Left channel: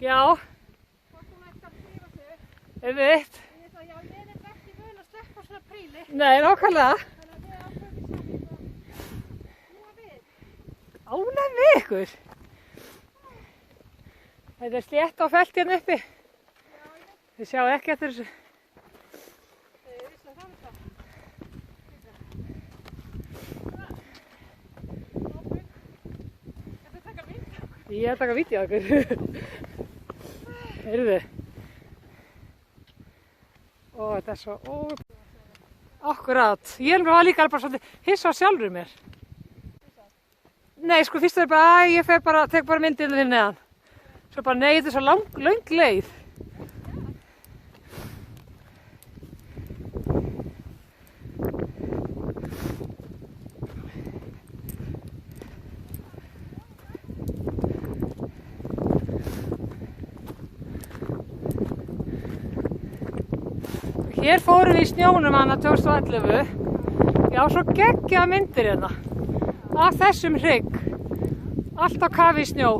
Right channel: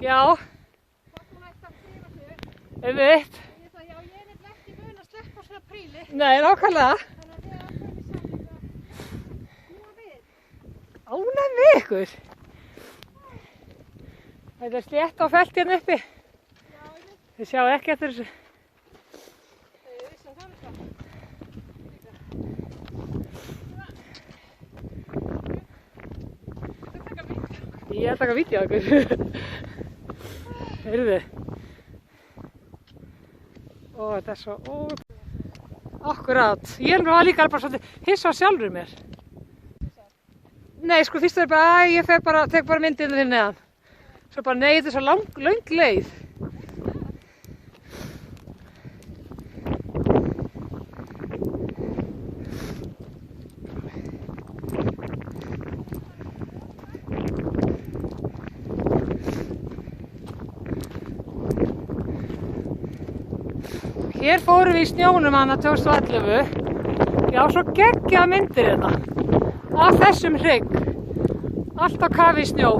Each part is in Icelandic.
Já. Einmitt. Já, ég vil ekki muna að sleppa svona príli. Nei, nákvæmlega. Þannig að þið Ánægð með ykkur. Þetta er slétt á felt hérna uppi. Þið sjáu ekki eftir þessu. Ég er að taka vídeo á ykkur. Heyrðu. Ó, þetta er svo Akkurát. Ég er nú líka bara svolítið hissa á sjálfur mér. Nei, sko fyrst er bara, ég tek bara myndinu hérna neðan. Svo bara, nei, þetta er svo löng leið. Hér fórum við í snjónum hana 2011. Já, svo geggjaða myndir hérna. Af þessum hrygg. Allt á kafi í snjó.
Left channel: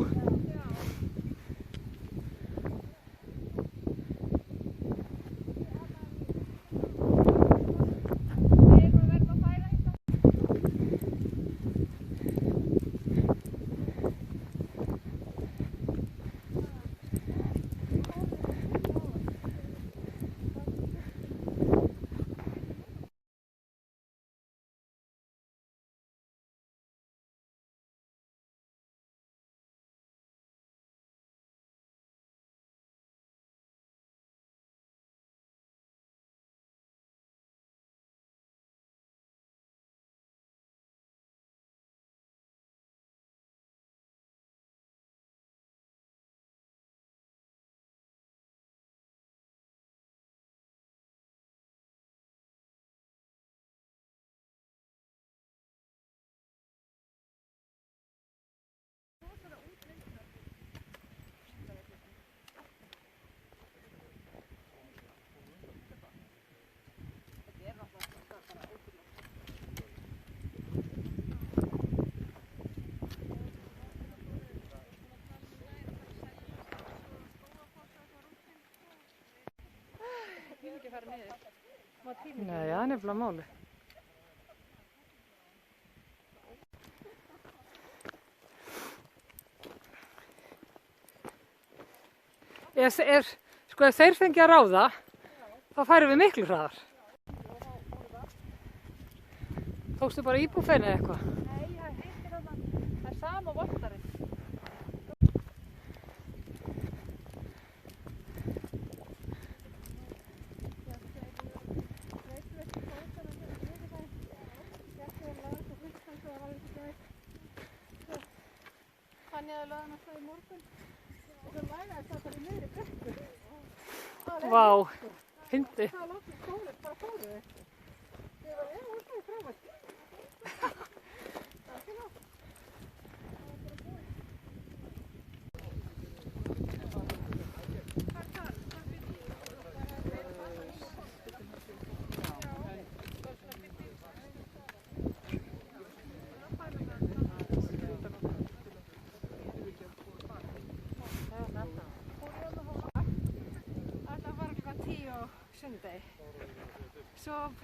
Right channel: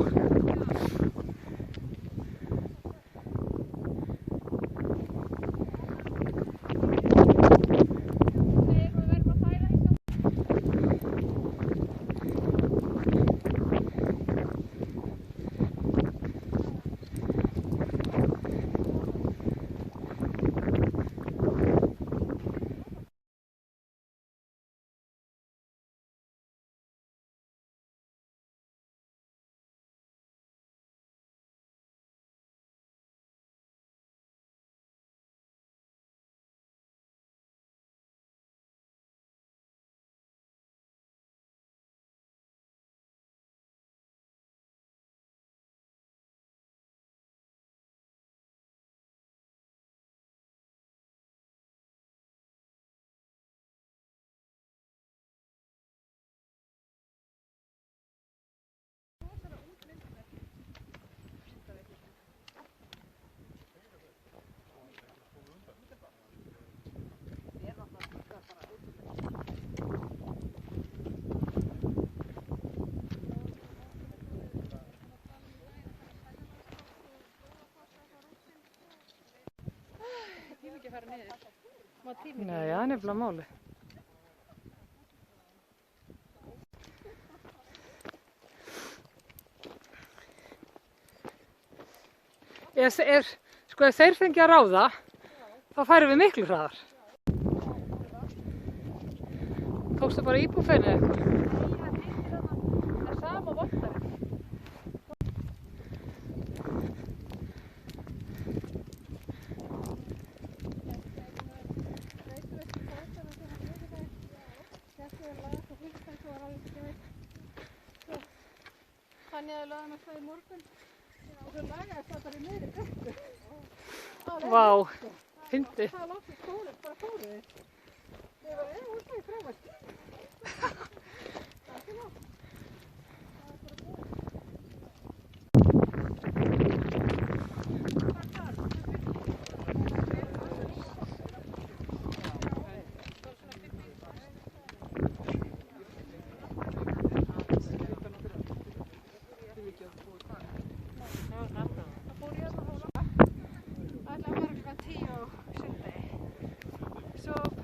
Nei, það er nefnilega máli. Sko, ef þeir fengi að ráða, þá færum við miklu hraðar. Tókstu bara íbúfeinu eða eitthvað? Nei, það er sama voltarinn. Þannig að laga hann í morgun og svo lagaði það bara í miðri brekku. Vá, fyndið. Það langt í skólu, bara fóru þið. Ég var útlæði frávægt.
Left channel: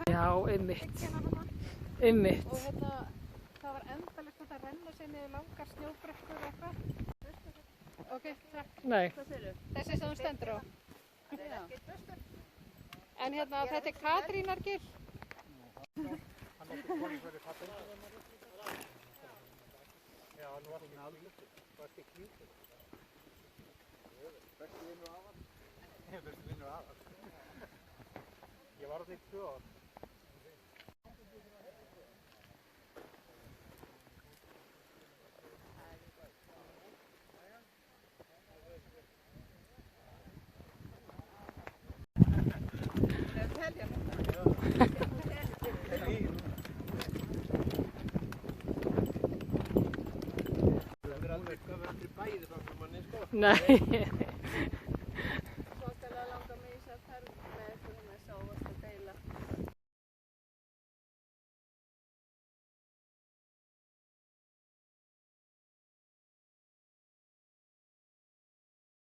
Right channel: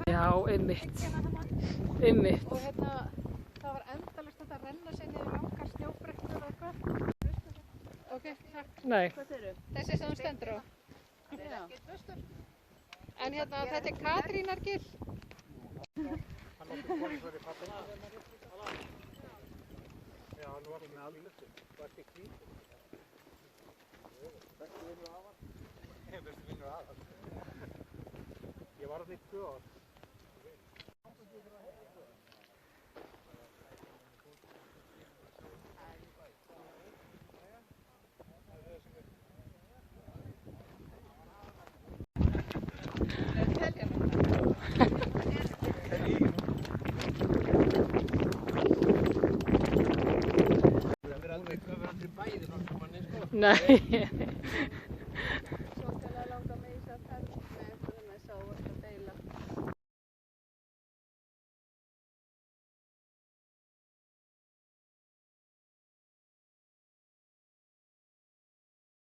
Já, einmitt. Einmitt. Og hérna, það var endalaust að renna sér niður langar snjóbrekkur og eitthvað. Og gekk það. Nei. Þessi sem þú stendur á. Já. En hérna, þetta er Katrínargil. Hann átti konið svo í pappin. Já, nú átti með alveg. Þetta er hvít. Bestu vinnur af hann. Bestu vinnur af hann. Ég var á því 2 ár. Það er alveg eitthvað verið bæði þannig að manni sko. Nei.